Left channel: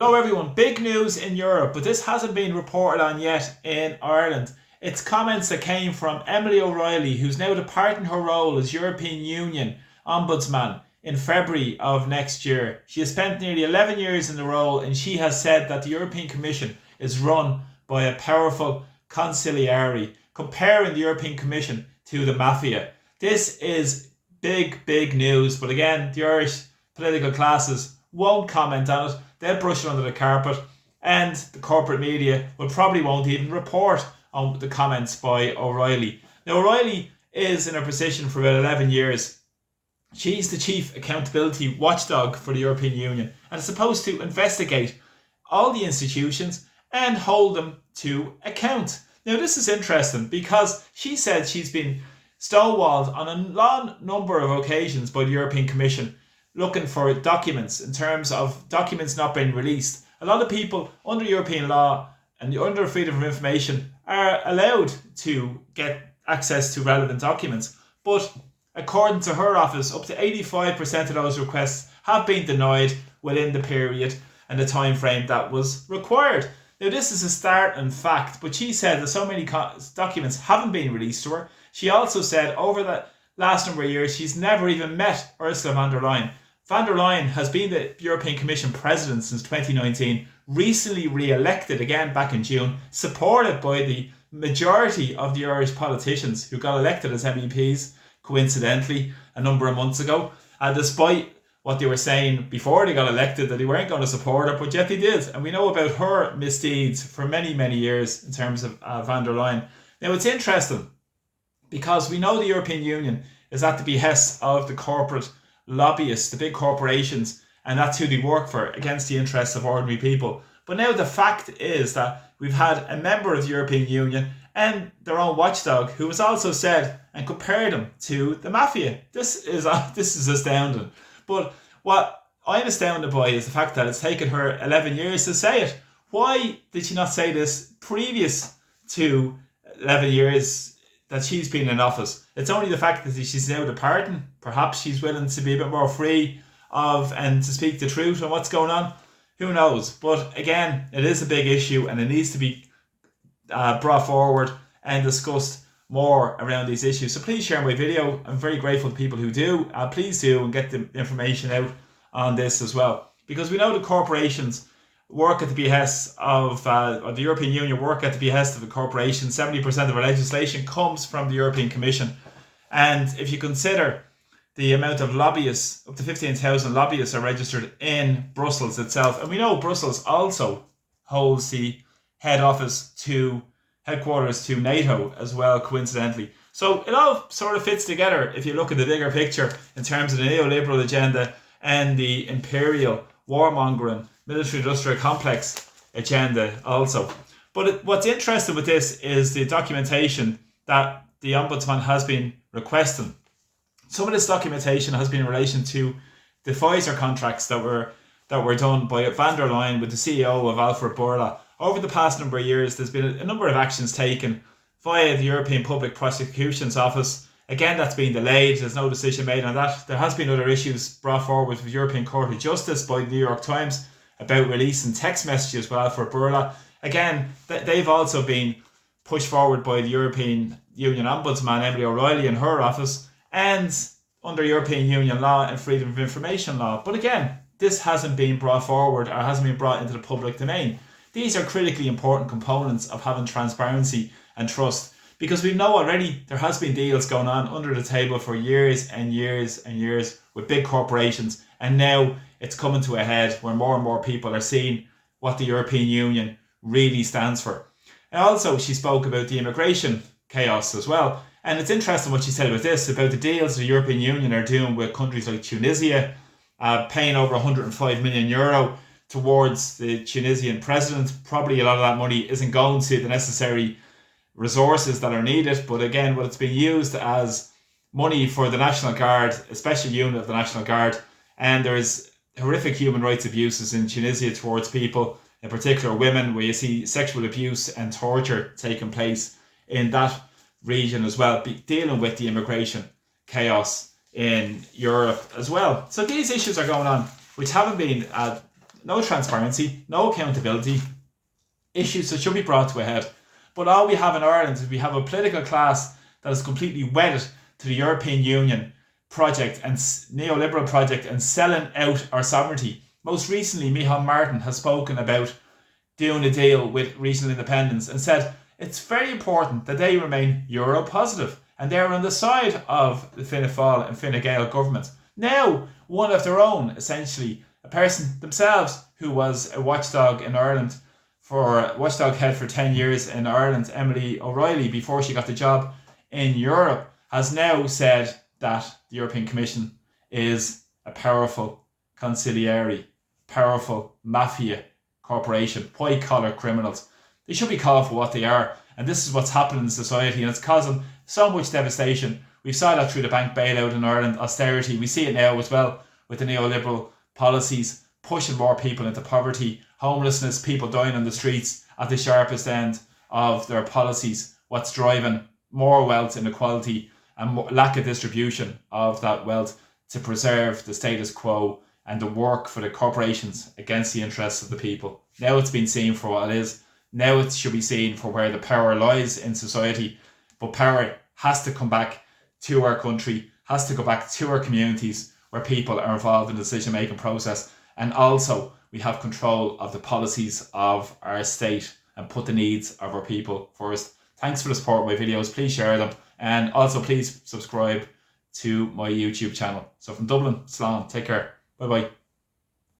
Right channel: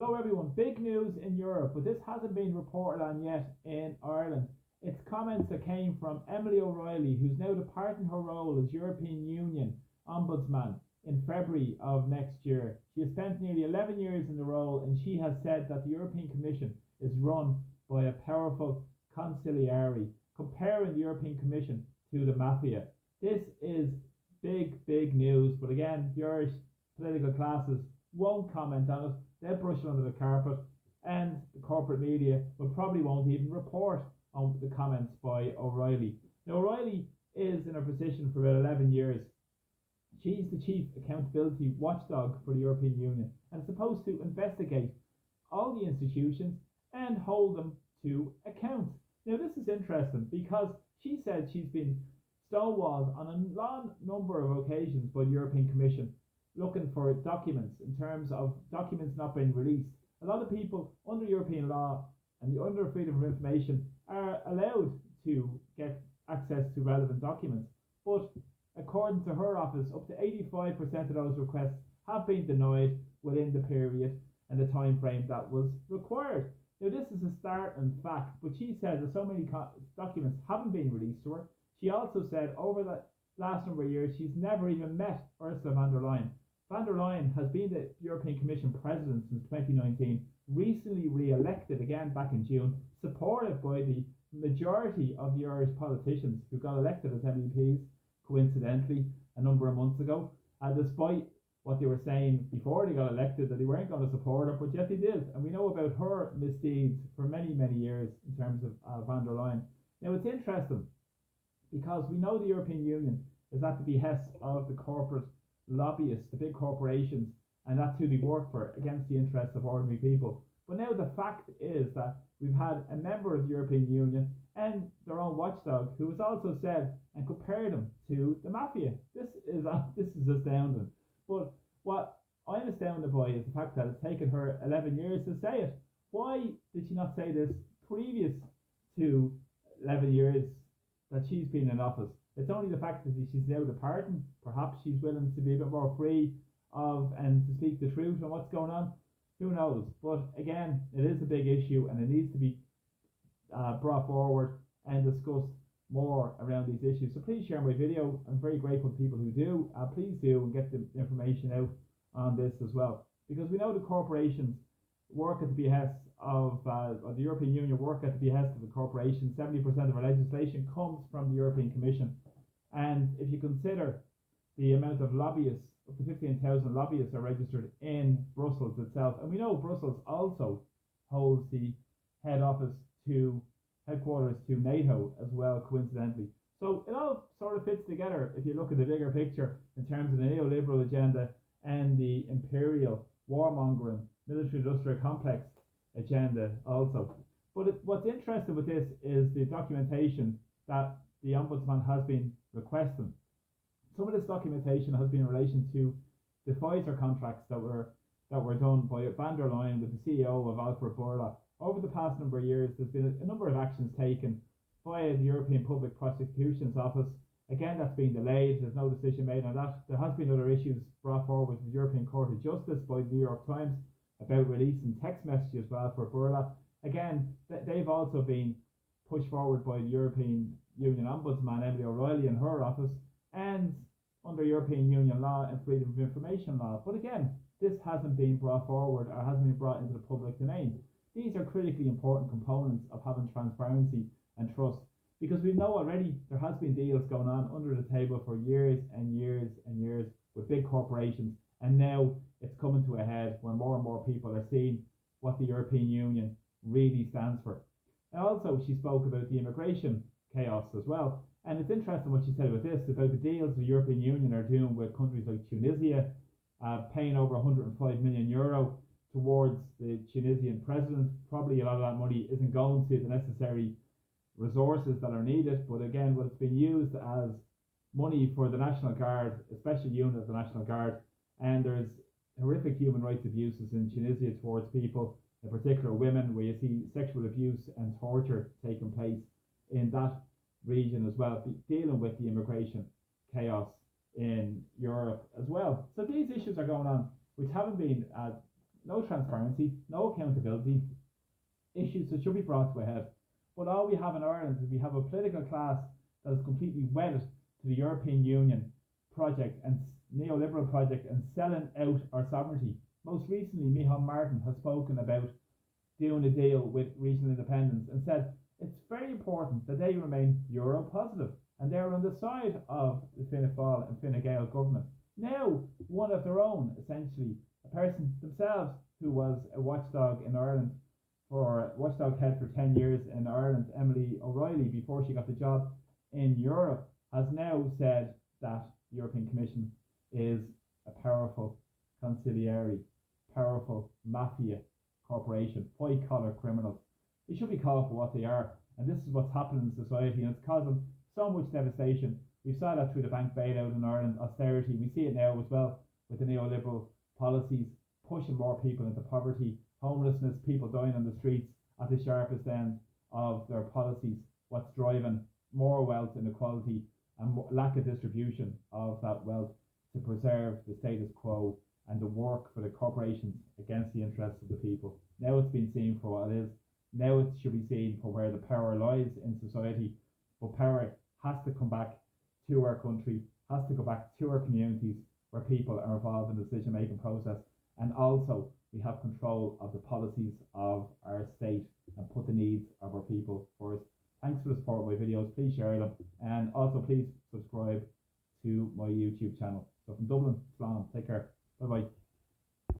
Hello everyone, big news in Europe, but this hasn't been reported on yet in Ireland. It's comments that came from Emily O'Reilly, who's now departing her role as European Union Ombudsman in February of next year. She has spent nearly 11 years in the role, and she has said that the European Commission is run by a powerful consiglieri, comparing the European Commission to the mafia. This is big, big news, but again, the Irish political classes won't comment on it. They'll brush it under the carpet, and the corporate media will probably won't even report on the comments by O'Reilly. Now, O'Reilly is in her position for about 11 years. She's the chief accountability watchdog for the European Union and is supposed to investigate all the institutions and hold them to account. Now, this is interesting because she said she's been stonewalled on a long number of occasions by the European Commission looking for documents in terms of documents not being released. A lot of people under European law and under freedom of information are allowed to get access to relevant documents. But according to her office, up to 85% of those requests have been denied within the period and the time frame that was required. Now, this is a startling fact, but she said that so many documents haven't been released to her. She also said over the last number of years, she's never even met Ursula von der Leyen. Von der Leyen has been the European Commission president since 2019, recently re-elected again back in June, supported by the majority of the Irish politicians who got elected as MEPs, coincidentally, a number of months ago. Despite what they were saying before they got elected, that they weren't going to support her, but yet they did. And we know about her misdeeds for many, many years in terms of von der Leyen. Now, it's interesting because we know the European Union is at the behest of the corporate lobbyists, the big corporations, and that's who they work for, against the interests of ordinary people. But now the fact is that we've had a member of the European Union and their own watchdog who has also said and compared them to the mafia. This is astounding. But what I'm astounded by is the fact that it's taken her 11 years to say it. Why did she not say this previous to 11 years that she's been in office? It's only the fact that she's now departing. Perhaps she's willing to be a bit more free of and to speak the truth on what's going on. Who knows? But again, it is a big issue and it needs to be brought forward and discussed more around these issues. So please share my video. I'm very grateful to people who do. Please do and get the information out on this as well. Because we know the corporations work at the behest of the European Union, work at the behest of the corporation. 70% of our legislation comes from the European Commission. And if you consider the amount of lobbyists, up to 15,000 lobbyists are registered in Brussels itself. And we know Brussels also holds the headquarters to NATO as well, coincidentally. So it all sort of fits together if you look at the bigger picture in terms of the neoliberal agenda and the imperial warmongering military industrial complex agenda also. But what's interesting with this is the documentation that the Ombudsman has been requesting. Some of this documentation has been in relation to the Fiser contracts that were done by von der Leyen with the CEO of Alfred Burla. Over the past number of years, there's been a number of actions taken via the European Public Prosecution's Office. Again, that's been delayed. There's no decision made on that. There has been other issues brought forward with the European Court of Justice by the New York Times about releasing text messages with Alfred Burla. Again, they've also been pushed forward by the European Union Ombudsman, Emily O'Reilly, in her office, and under European Union law and freedom of information law. But again, this hasn't been brought forward or hasn't been brought into the public domain. These are critically important components of having transparency and trust, because we know already there has been deals going on under the table for years and years and years with big corporations, and now it's coming to a head where more and more people are seeing what the European Union really stands for. And also, she spoke about the immigration chaos as well. And it's interesting what she said about this, about the deals the European Union are doing with countries like Tunisia, paying over €105 million towards the Tunisian president. Probably a lot of that money isn't going to the necessary resources that are needed, but again, what it's been used as money for the National Guard, a special unit of the National Guard, and there is horrific human rights abuses in Tunisia towards people, in particular women, where you see sexual abuse and torture taking place in that region as well, dealing with the immigration chaos in Europe as well. So these issues are going on, which haven't been no transparency, no accountability, issues that should be brought to a head. But all we have in Ireland is we have a political class that is completely wedded to the European Union project and neoliberal project and selling out our sovereignty. Most recently, Micheál Martin has spoken about doing a deal with regional independence and said it's very important that they remain Euro positive and they're on the side of the Fianna Fáil and Fine Gael government. Now, one of their own, essentially, a person themselves who was a watchdog in Ireland watchdog head for 10 years in Ireland, Emily O'Reilly, before she got the job in Europe, has now said that the European Commission is a powerful consiglieri, powerful mafia corporation, white collar criminals. They should be called for what they are, and this is what's happening in society, and it's causing so much devastation. We saw that through the bank bailout in Ireland, austerity. We see it now as well with the neoliberal policies pushing more people into poverty, homelessness, people dying on the streets at the sharpest end of their policies. What's driving more wealth inequality and lack of distribution of that wealth to preserve the status quo and the work for the corporations against the interests of the people. Now it's been seen for what it is. Now it should be seen for where the power lies in society. But power has to come back to our country, has to go back to our communities where people are involved in the decision-making process. And also, we have control of the policies of our state and put the needs of our people first. Thanks for the support of my videos. Please share them. And also, please subscribe to my YouTube channel. So from Dublin, Slán, take care. Bye-bye.